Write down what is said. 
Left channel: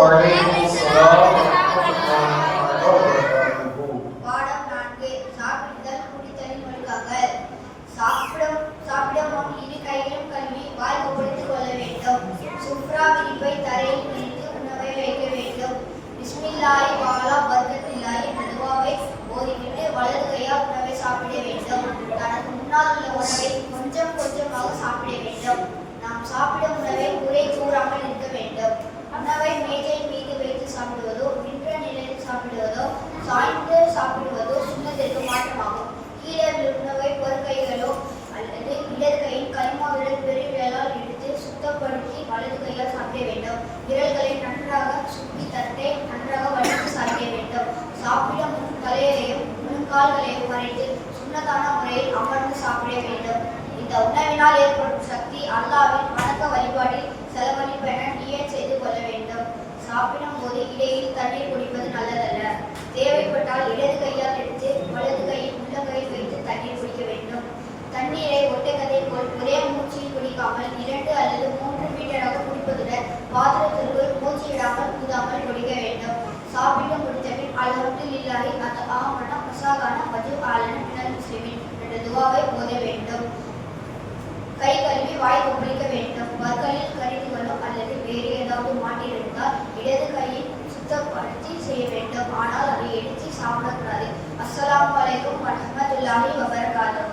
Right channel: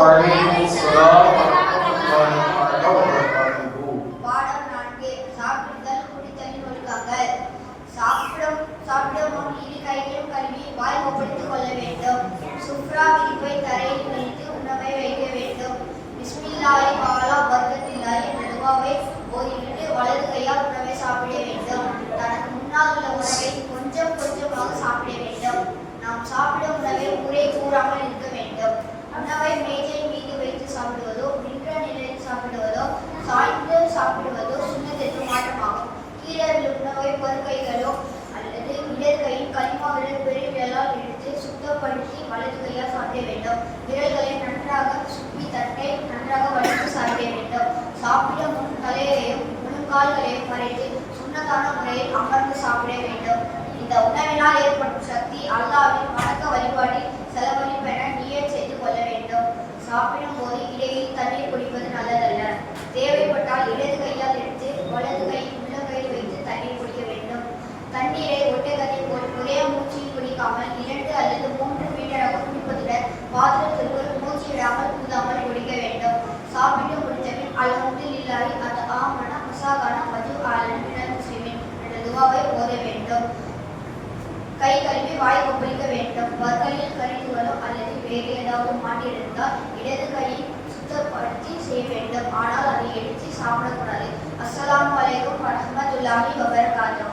பாடல் சாப்பிடும் சாப்பிடவும் இரு கையிலும் கல்வி வாய்ப்பு சாப்பிடுவதோ சுண்ணத்திற்கு மாற்றமாகும். கீழே உணவை பொறுக்கைகளோ அல்லது இடர் கையின் களிமாவிலை பெருவிரலால் எடுத்து சுத்தப்படுத்தி வலது கையால் சாப்பிட வேண்டும். விரல்களை நன்றாக சுற்றி தட்டை நன்றாக வலித்து சாப்பிட வேண்டும். சாப்பிட முன் தலையையும் முன்கால்களையும் வரைத்து சுண்ணத்தான முறையில் அமர்ந்து சாப்பிட வேண்டும். இந்த உணவினால் ஏற்படும் சக்தி அல்லாவின் வணக்க வழிபாடு